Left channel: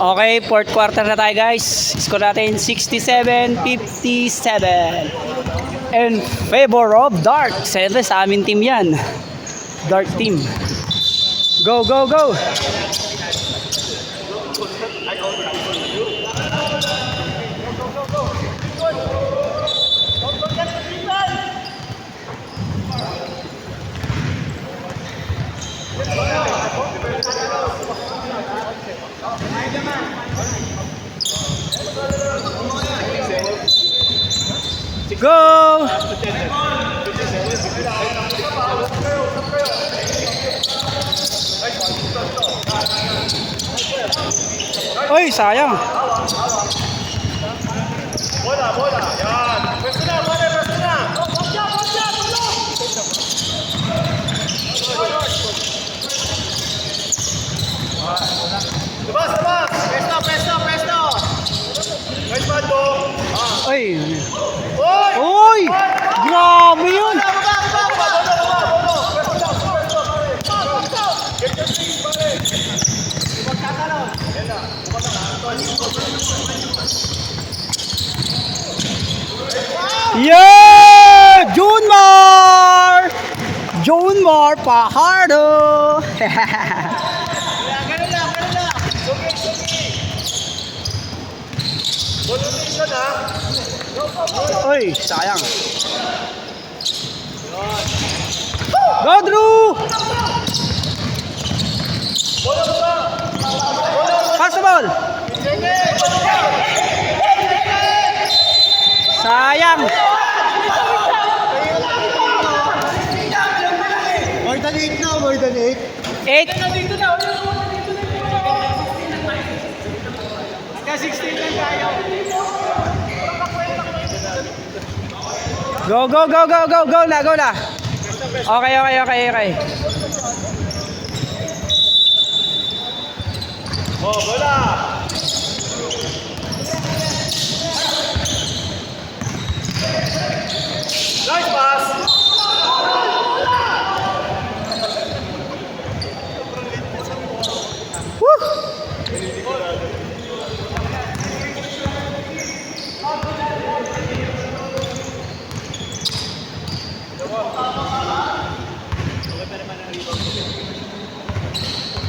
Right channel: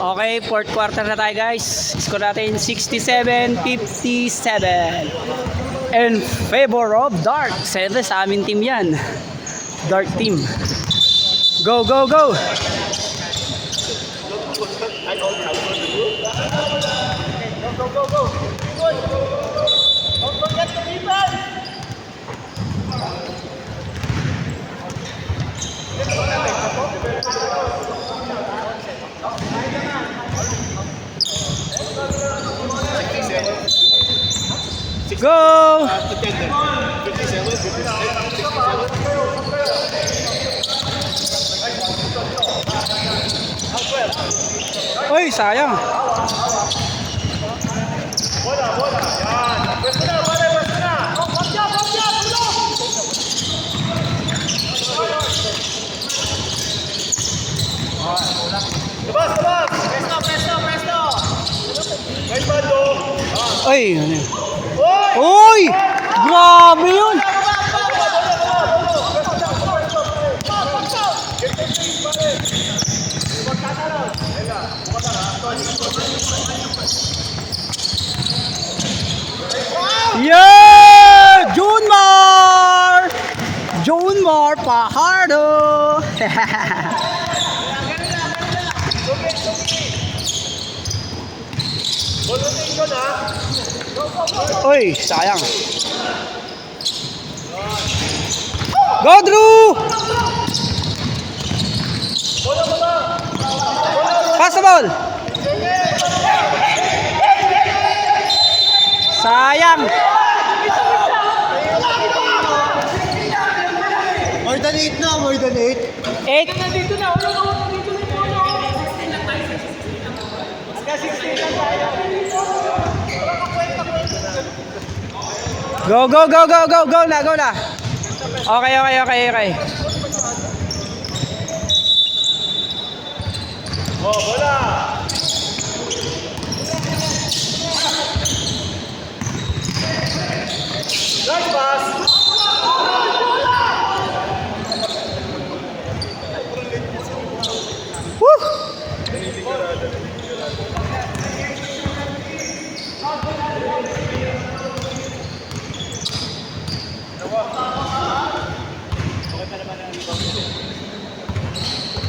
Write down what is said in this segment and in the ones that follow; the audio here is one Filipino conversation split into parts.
Okay, fourth quarter na tayo guys. Score natin 67-57. In favor of Dark. Siyempre sa aming team yan. Dark team. Go, go, go! Go! Uy, sayang. Uy! Uy! Grabe yun! Yeah! Junmar! Junmar Pajardo! Uy, sayang. Go, Drew! Pass the ball. Sayang. More than 8 na, more than 8. 8. Go, go, go, go, go, go na, go na. Okay, okay, okay, okay.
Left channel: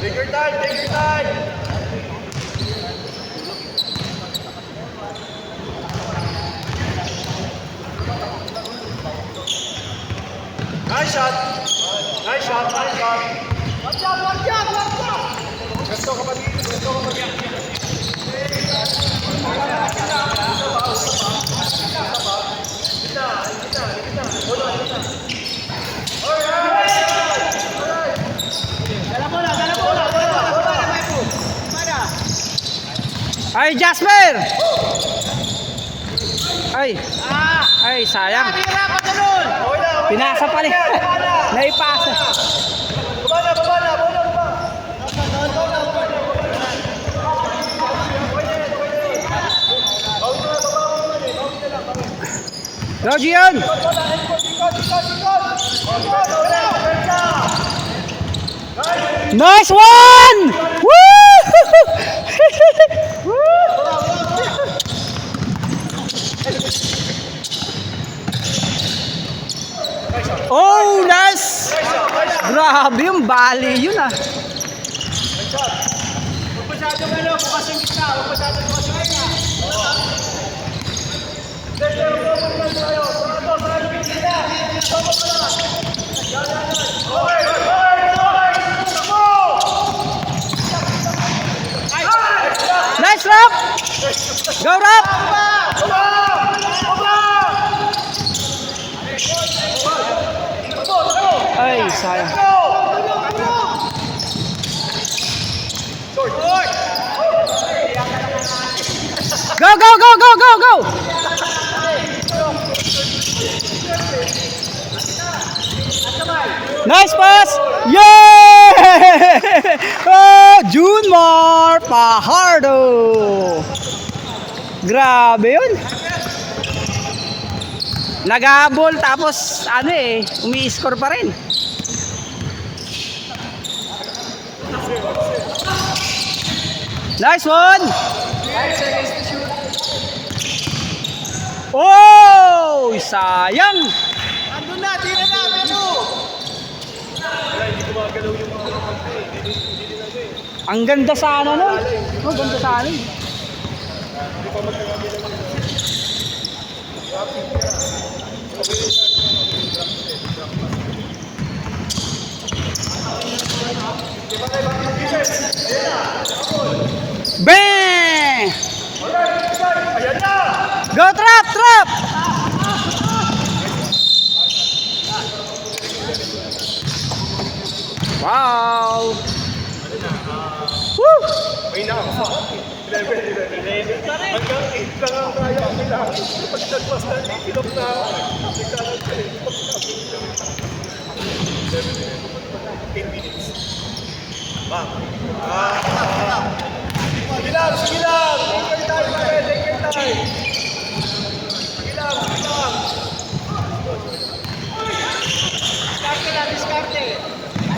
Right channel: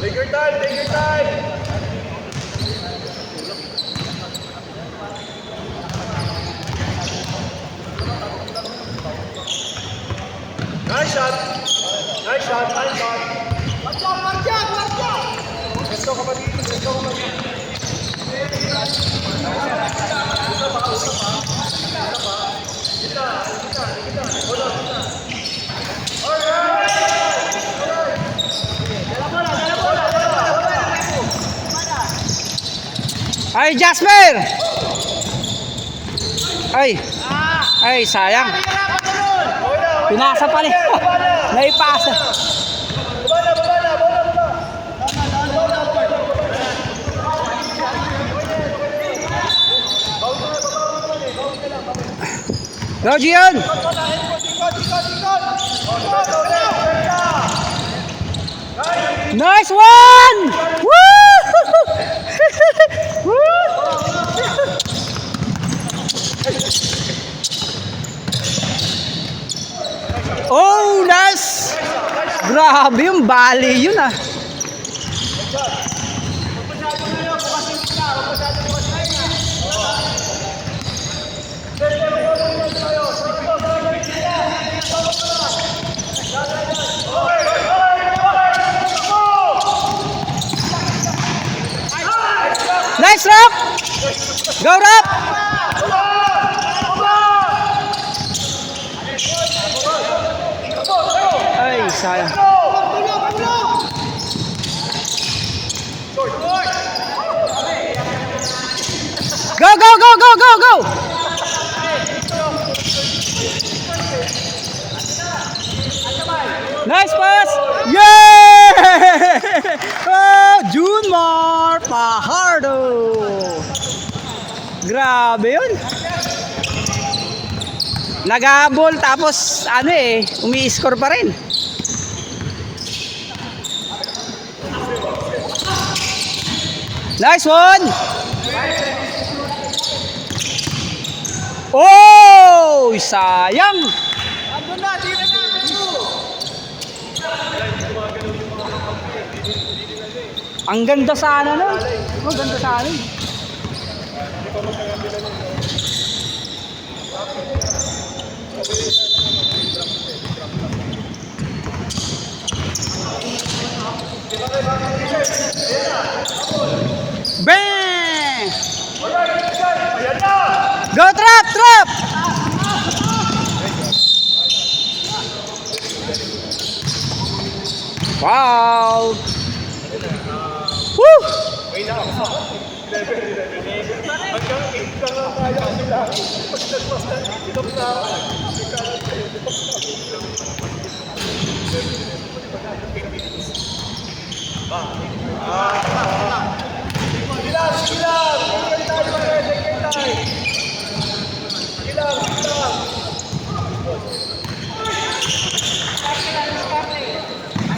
Take your time, take your time. Nice shot. Nice shot, nice shot. Watch out, watch out, watch out. Let's go, kapatid. Let's go, kapatid. Ay, Jasper! Ay! Ay, sayang. Pinasa pa rin. Naipasa. Go, Gian! Nice one! Woo! Oh, nice! Grabe yung bali yun ah. Nice, Rap! Go, Rap! Ay, sayang. Go, go, go, go, go, go! Nice pass! Yeah! Oh, Junmar Pajardo! Grabe yun! Nag-abol tapos ano eh, umi-score pa rin. Nice one! Oh! Sayang! Andun na, tira na, ano? Ang ganda sana nun. Ang ganda sana. Bang! Go trap, trap! Wow! Woo!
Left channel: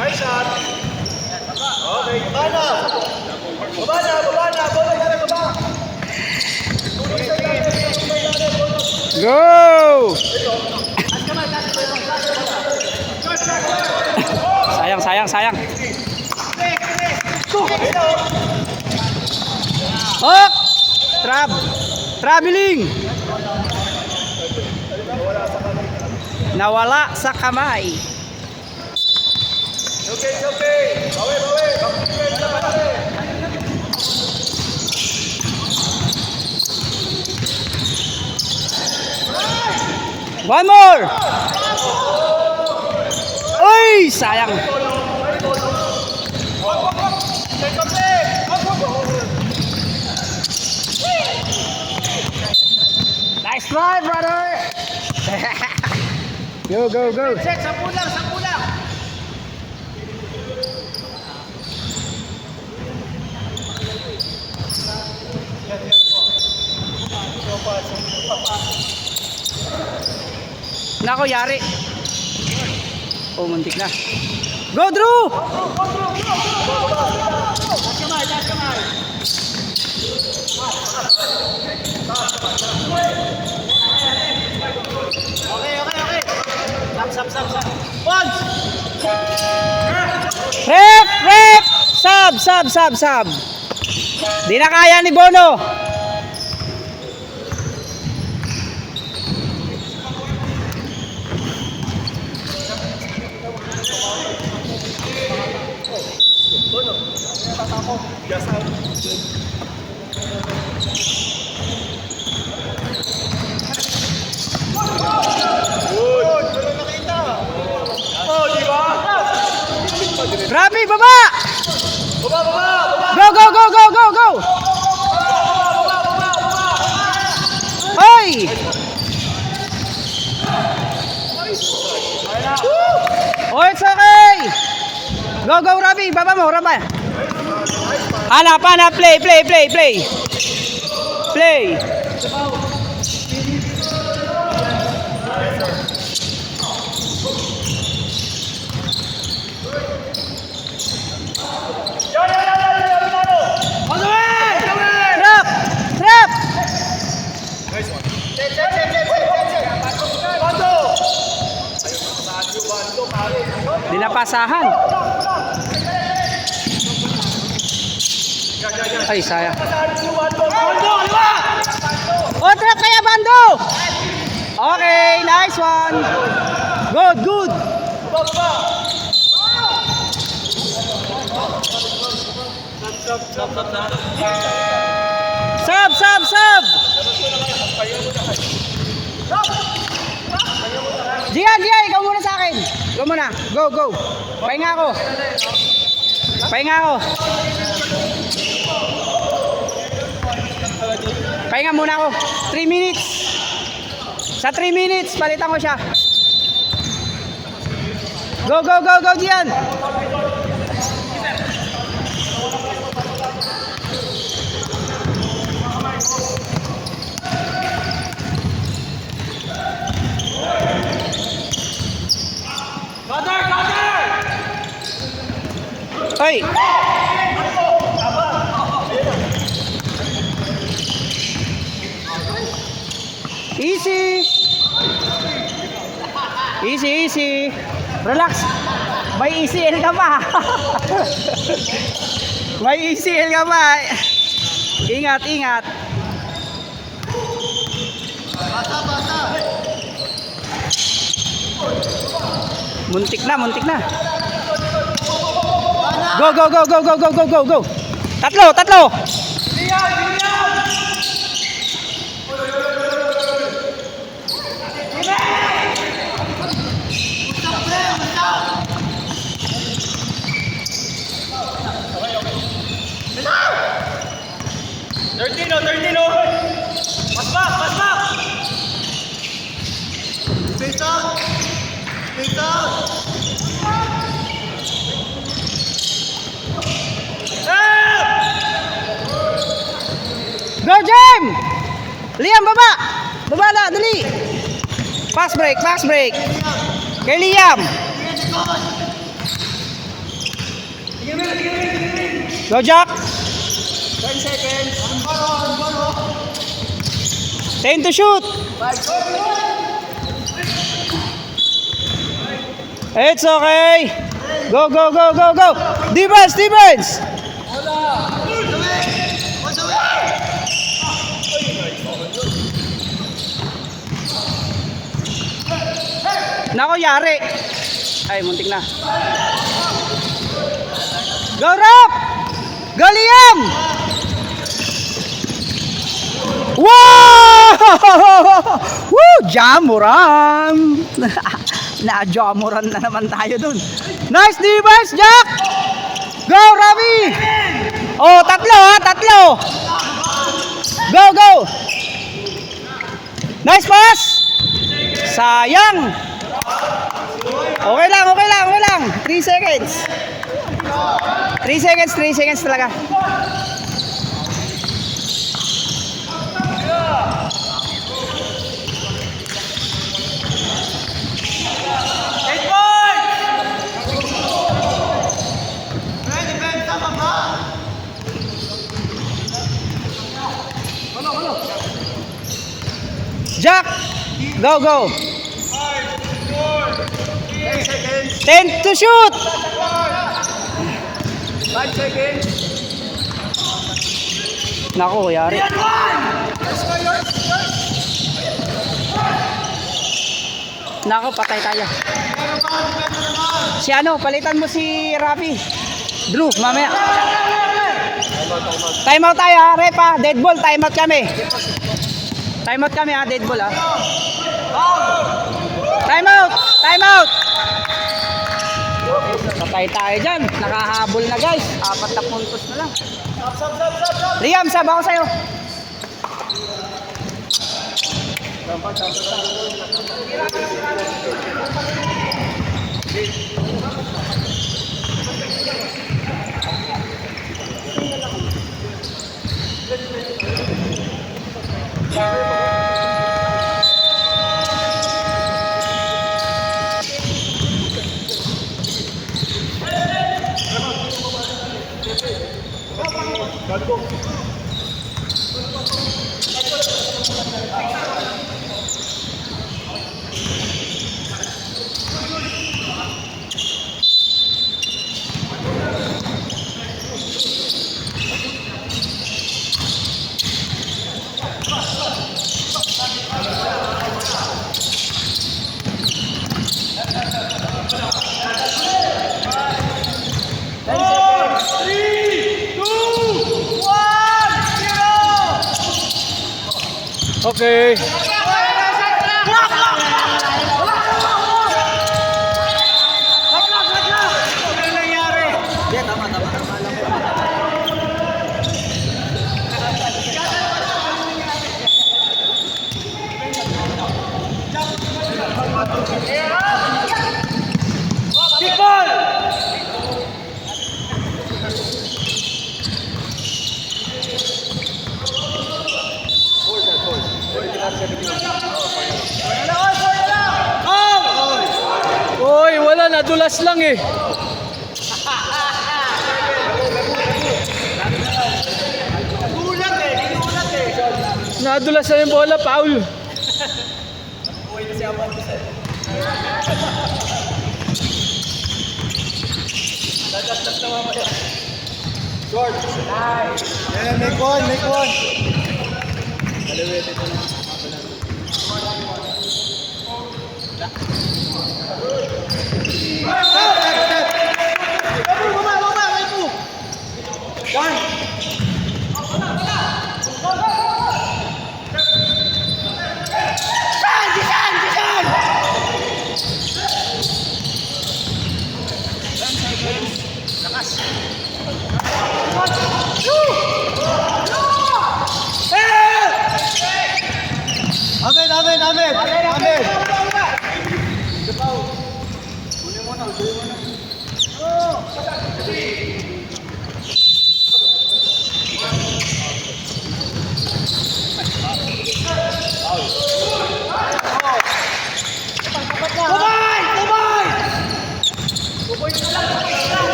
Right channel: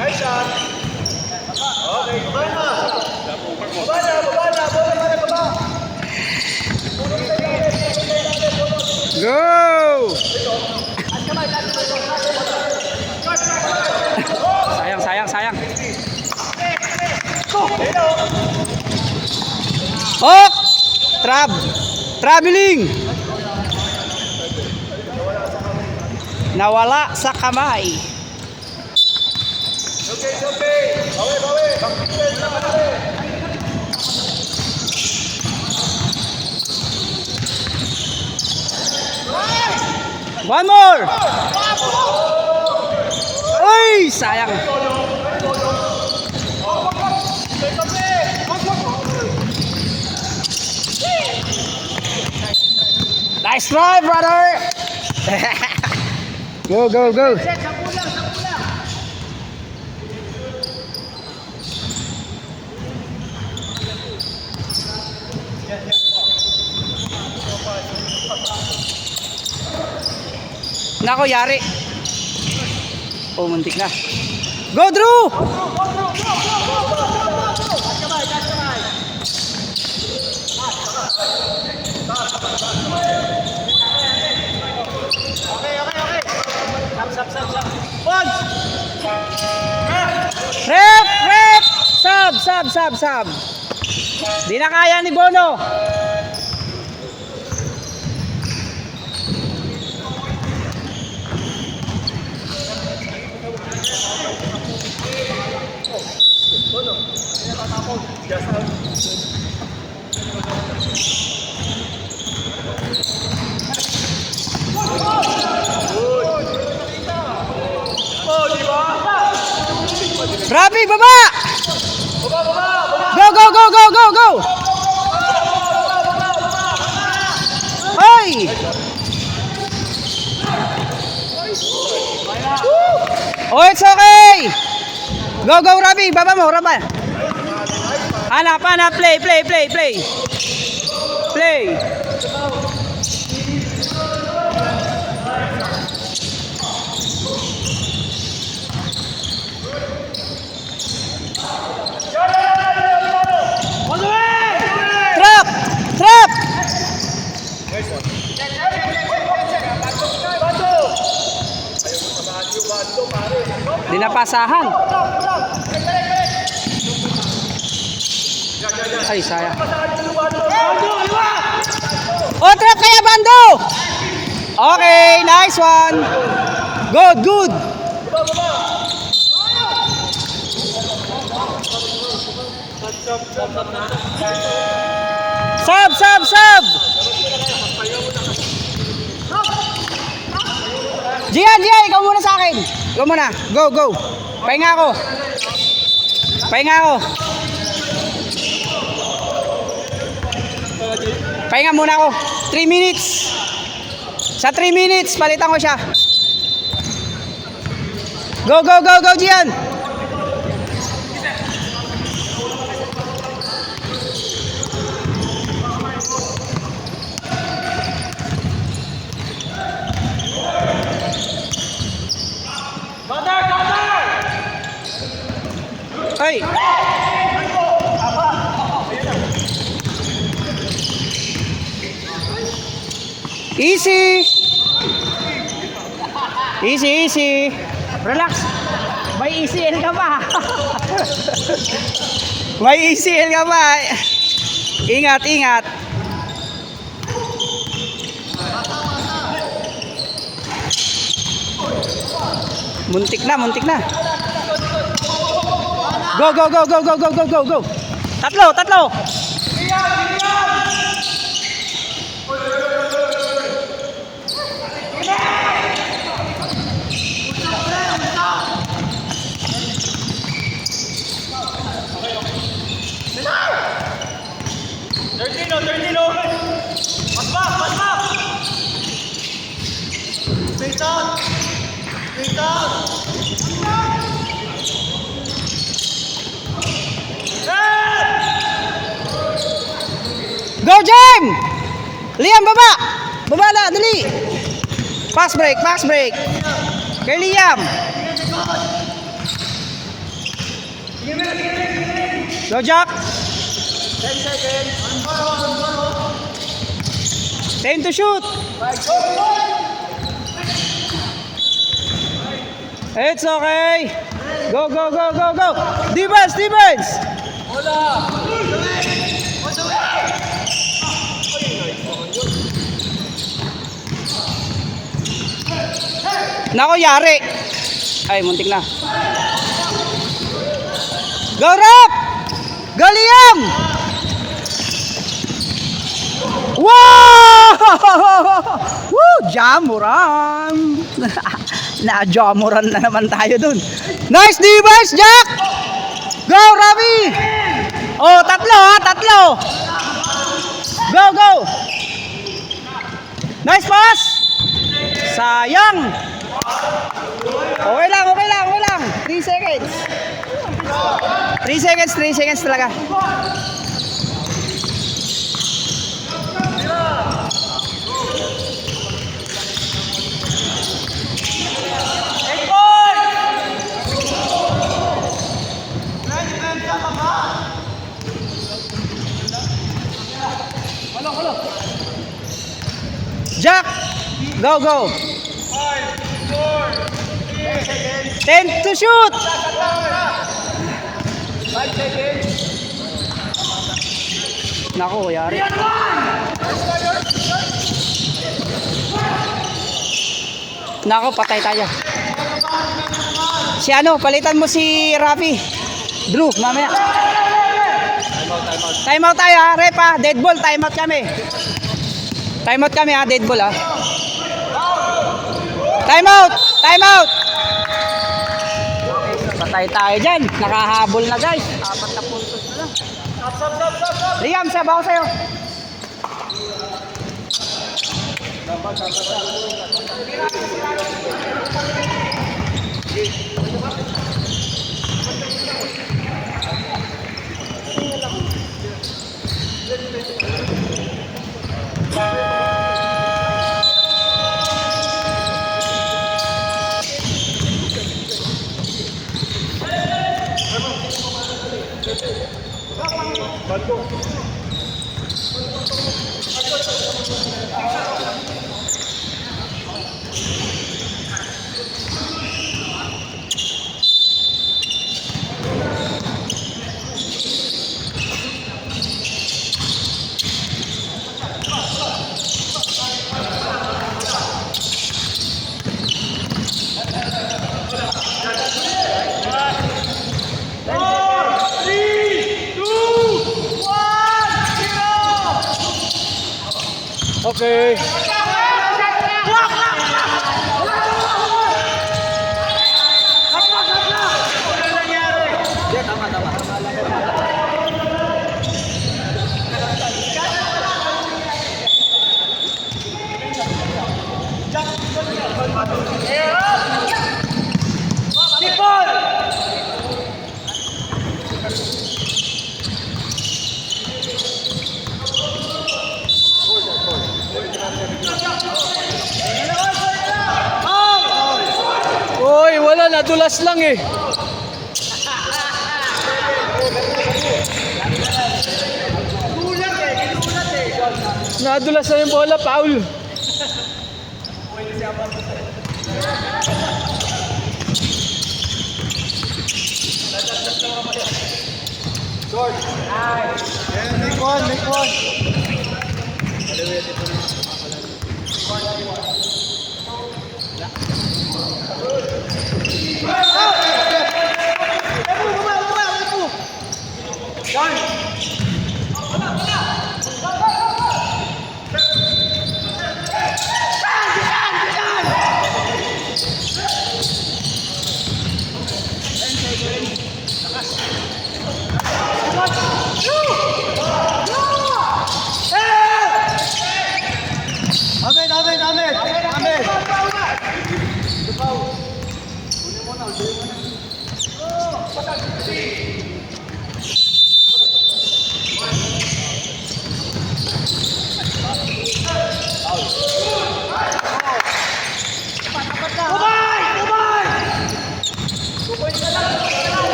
Nice shot. Okay. Baba na. Go! Sayang. Hop! Traveling! Nawala sa kamay. Okay. Bawi. One more! Uy! Sayang! Nice try, brother! Go! Set, 10 lang. Nako, yari. Oh, muntik na. Go, Drew! Rep! Sub! Di na kaya ni Bono. Rabi, baba! Go! Hoy! Oh, it's okay! Go, Rabi! Baba mo, Rabi! Hanap! Play! Trap! Dinapasahan. Ay, sayang. Oh, trap kaya, Bando! Okay, nice one. Good. Sub! Gian, ikaw muna sa akin. Ikaw muna. Go. Pahinga ako. Pahinga muna ako. 3 minutes. Sa 3 minutes, palitan ko siya. Go, Gian. Hey! Easy. Easy, easy. Relax. May ECL ka pa. May ECL ka pa. Ingat, ingat. Muntik na, muntik na. Go, go, go, go, go, go, go, go, go. Tatlo, tatlo. Go, Jem! Liam, baba! Baba na, dali! Pass break, pass break! Kay Liam! Go, Jack! 10 seconds! 10 to shoot! It's okay! Go, go, go, go, go! Defense, defense! Nako, yari. Ay, muntik na. Go, Rob! Go, Liam! Wow! Woo! Jamuran! Na-jamuran na naman tayo dun. Nice defense, Jack! Go, Ravi! Oh, tatlo ha, tatlo! Go, go! Nice pass! Sayang! Okay lang, okay lang, okay lang. 3 seconds. 3 seconds, 3 seconds talaga. Jack! Go, go! 10 to shoot! 5 seconds. Naku, yari. Naku, patay tayo. Si ano, palitan mo si Rafi. Drew, mamaya. Time out tayo ha, rep ha. Dead ball, time out kami. Time out kami ha, dead ball ha. Time out! Time out! Patay tayo dyan. Nakahabol na guys. 4 na puntos na lang. Liam, sabaw ko sa'yo. Okay. Oy, wala, nadulas lang eh. Nadulas na yung bola, foul. Short. Ayan, make one, make one. Kaliwit ito na. Amen.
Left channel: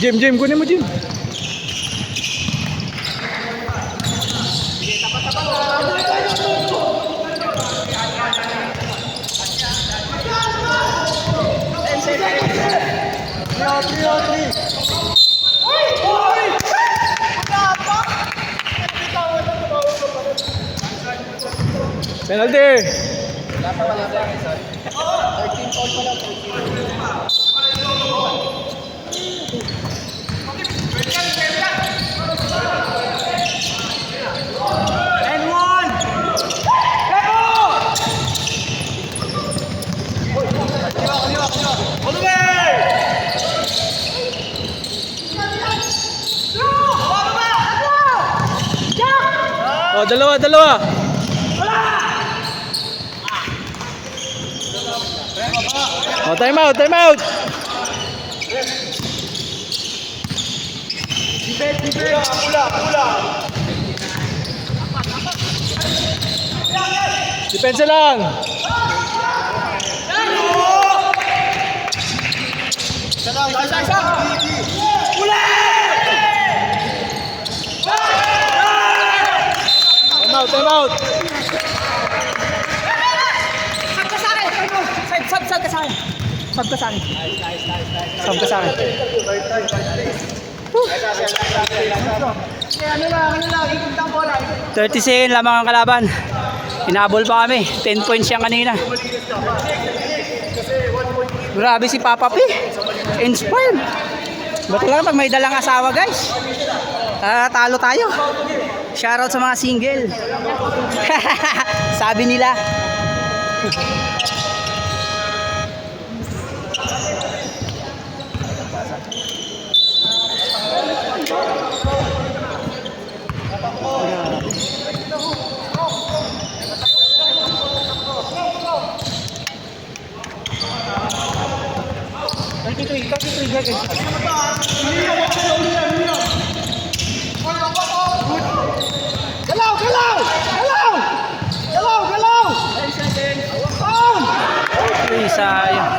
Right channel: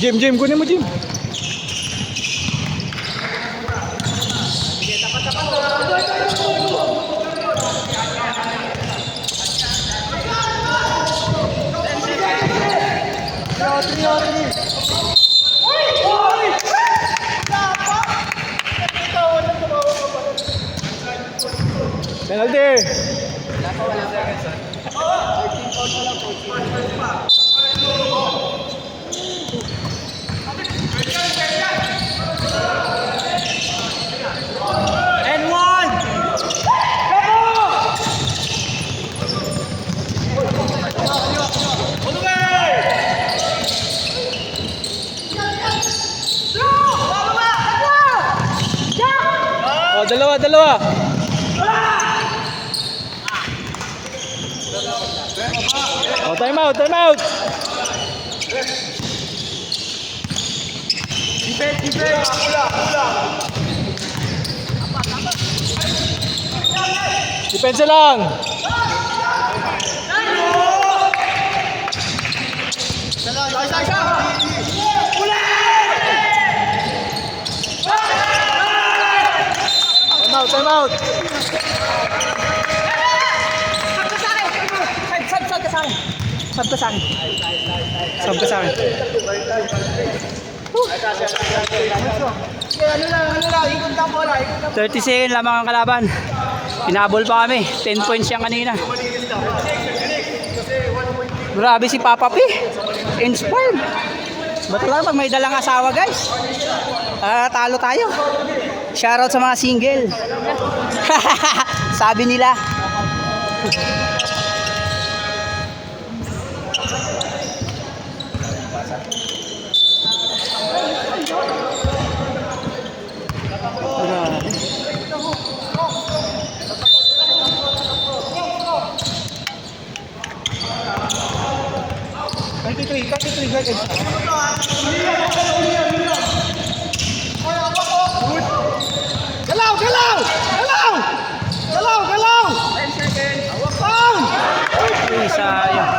Jim, kunin mo Jim. Penalty. Oh, dalawa. Oh, time out. Depensa lang. Time out. Sab ka sa akin. 30 seconds lamang ang kalaban. Hinabol pa kami. 10 points siya kanina. Grabe si Papa P. Inspired. Ba't lang pag may dalang asawa, guys? Talo tayo. Shoutout sa mga single. Sabi nila. Sayang.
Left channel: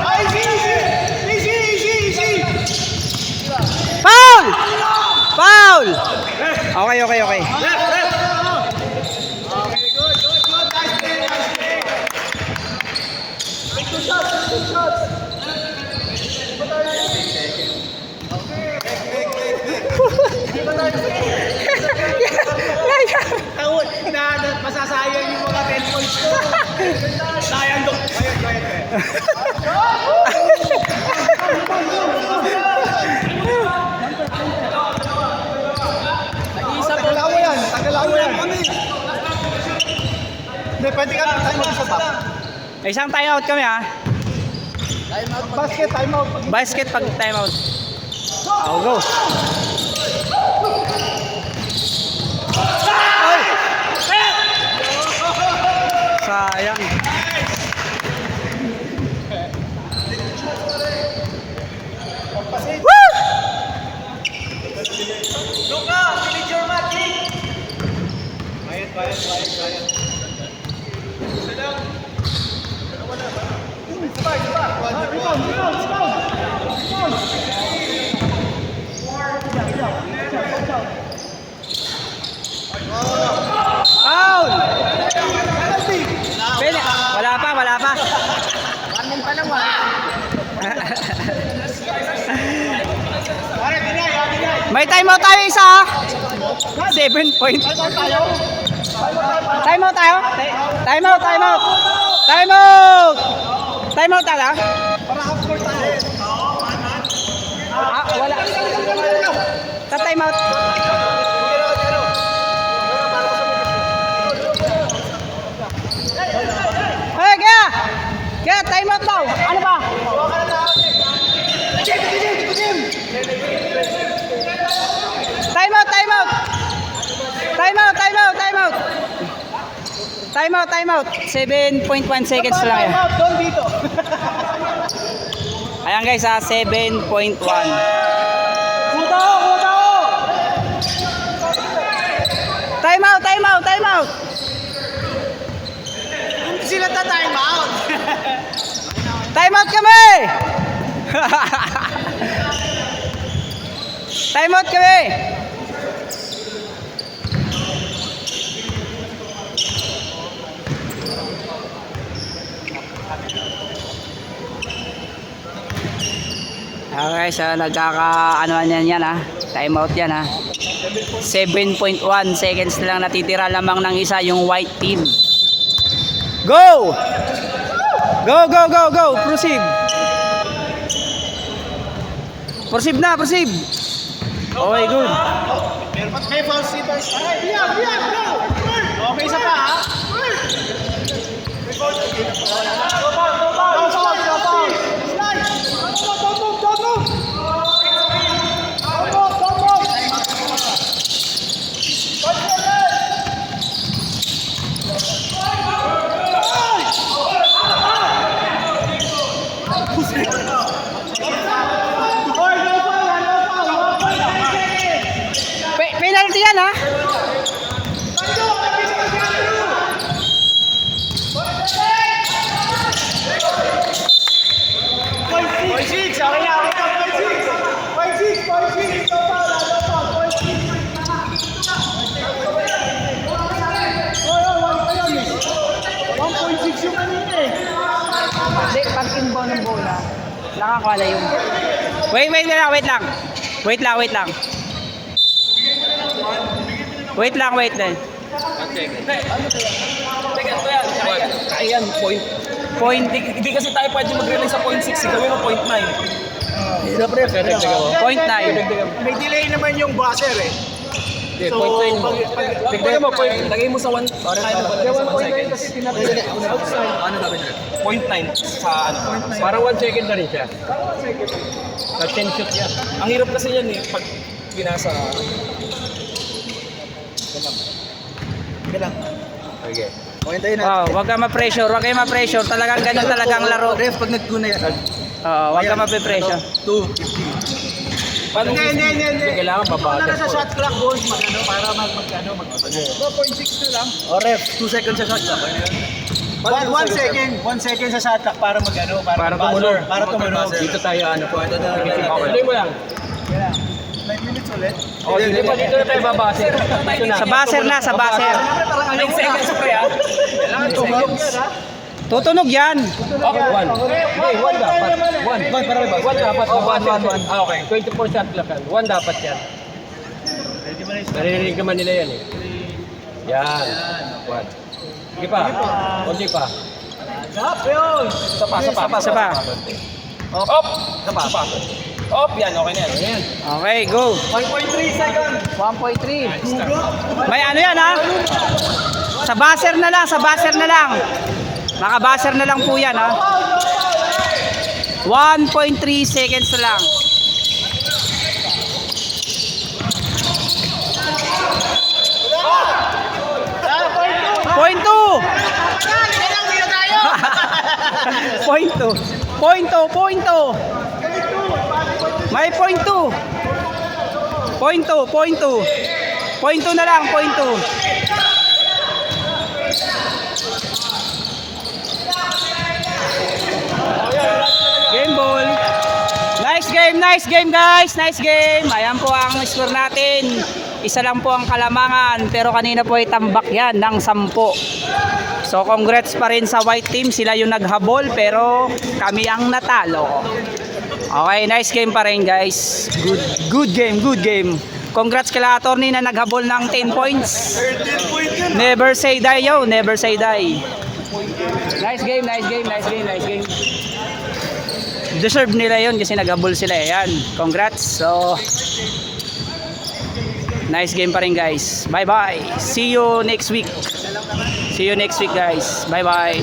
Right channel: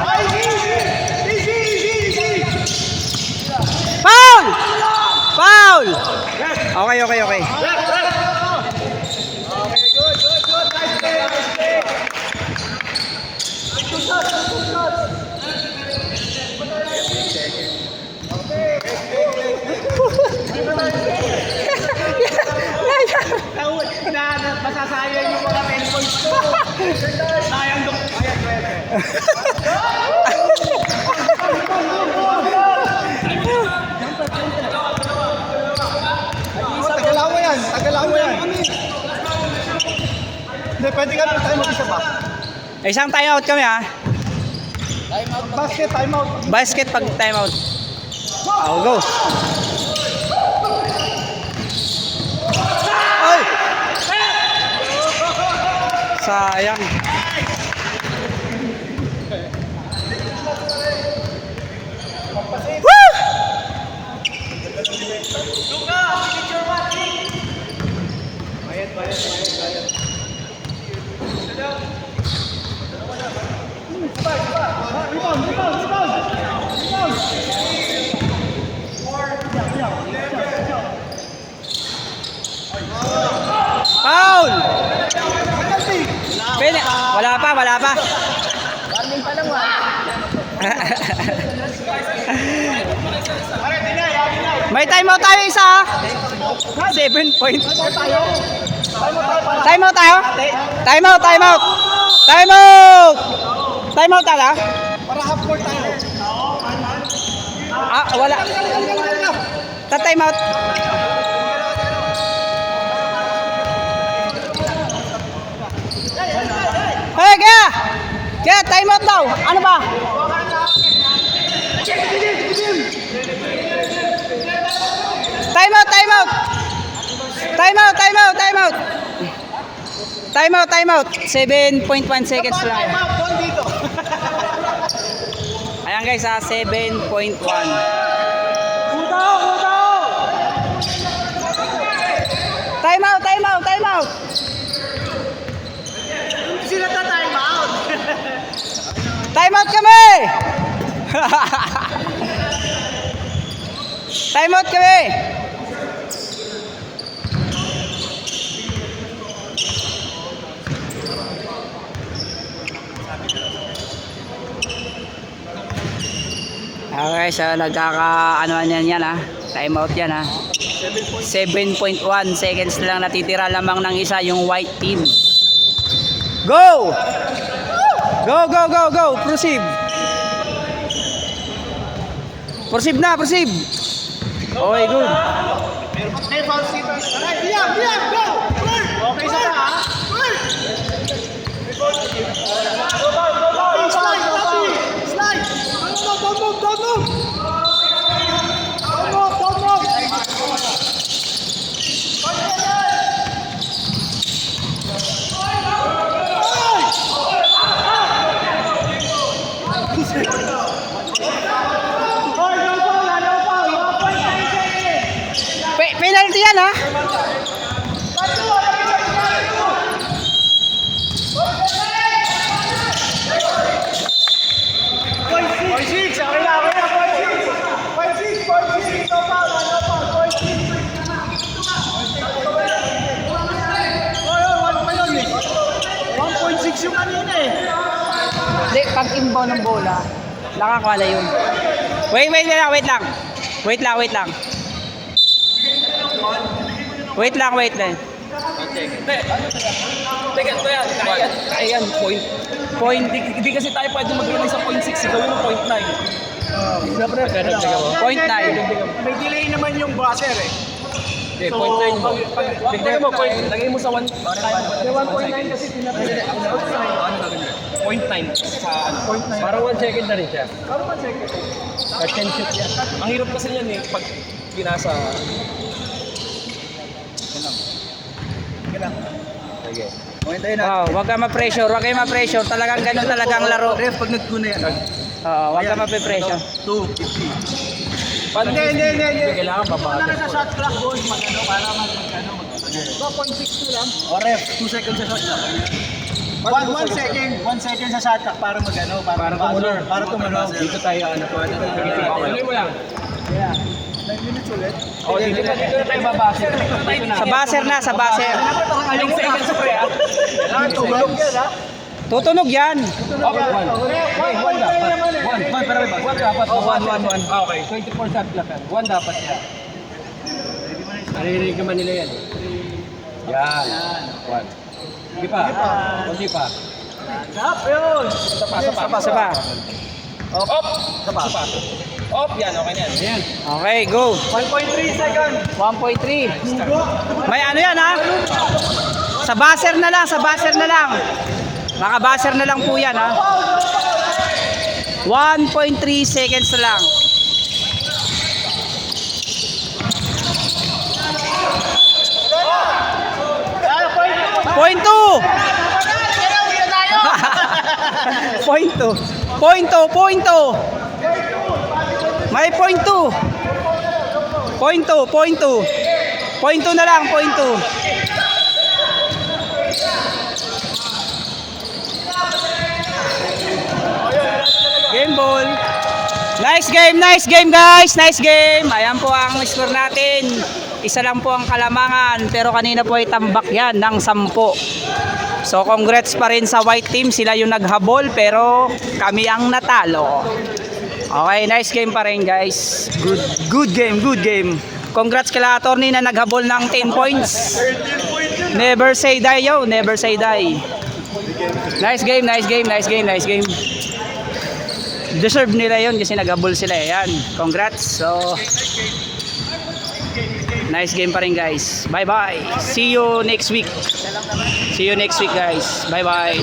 Foul! Okay. Masasayang yung mga 10 points. Sayang dok. Hindi, pwede kami tayo mag-isa pa. Isang timeout kami ha. Basket, time out. Basket pag timeout. Oh, go. Ay! Sayang. Woo! Foul! Pwede. Wala pa, wala pa. May timeout tayo isa ha. 7 point. Timeout tayo? Timeout, timeout. Timeout! Timeout tala? Ah, wala. Ta-timeout. Hey, kaya! Kaya, timeout daw. Ano ba? Timeout, timeout. Timeout, timeout, timeout. Timeout, timeout. 7.1 seconds lang yan. Doon dito. Ayan guys, 7.1. Timeout, timeout, timeout. Sila ta-time out. Timeout kami! Timeout kami! Okay, so nagkaka-ano yan ha. Timeout yan ha. 7.1 seconds lang natitira lamang ng isa yung white team. Go! Go, go, go, go! Proceed! Proceed na, proceed! Okay, good. May false keepers. Biyak, biyak, go! Okay, isa pa, ha? Slide, slide! Go, go, go! Penalty yan ha? Hindi, pag inbound ng bola, nakakwala yun. Wait lang. Wait lang. Ayan, point. Point. Hindi kasi tayo pwede mag-relay sa point 6. Gawin mo point 9. Point 9. May delay naman yung buzzer eh. Hindi, point 9 mo. Tignan mo, point. Lagay mo sa 1. 1.9 kasi tinatay. Ano gagawin rin? Point 9 sa ano? Para 1 second na rin siya. But can shoot yan. Ang hirap kasi yan eh, pag pinasa. Ganun. Okay. Point tayo na. Wow, wag ka ma-pressure, Talagang ganun talagang laro. Ref, pag nag-2 na yan. Oo, wag ka ma-pressure. 2. Paano hindi kailangan babagal Sa po. shot clock goal, para mag-ano. 2.6 na lang. O ref, 2 seconds sa shot clock. 1 second. 1 second sa shot clock para mag-ano. Para tumunog. Para tumunog. Dito tayo ano po. Hindi mo lang. 9 minutes ulit. O, dito na tayo babase. Dito na. Sa buzzer na, sa buzzer. Ilang seconds pre ah? Kailangan tumunog yan ha. Tutunog yan. Okay, 1. 1 dapat. 1 para may 1 dapat. Oh, 1. Okay, 24 shot clock yan. 1 dapat yan. Naririnig naman nila yan eh. Yan. 1. Sige pa. Kunti pa. Isa pa. Op. Isa pa. Op, yan. Okay na yan. Ayan. Okay, go. 1.3 seconds. 1.3. May ano yan ha? Sa buzzer na lang, sa buzzer na lang. Naka-buzzer na lang po yan, ha. 1.3 seconds na lang. Point 2. Point 2. Point 2, point 2. May point 2. Point 2, point 2. Point 2 na lang, point 2. Game ball. Nice game guys, nice game. Ayan po ang score natin. Isa lang po ang kalamangan, pero kanina po ay tambak yan ng 10. So congrats pa rin sa white team, sila yung naghabol pero kami ang natalo. Okay, nice game pa rin guys. Good game, good game. Congrats kila attorney na naghabol ng 10 points. Never say die yo, never say die. Nice game, nice game, nice game, nice game. Deserve nila yon kasi naghabol sila. Yan, congrats. So nice game pa rin guys. Bye bye. See you next week. See you next week guys. Bye bye.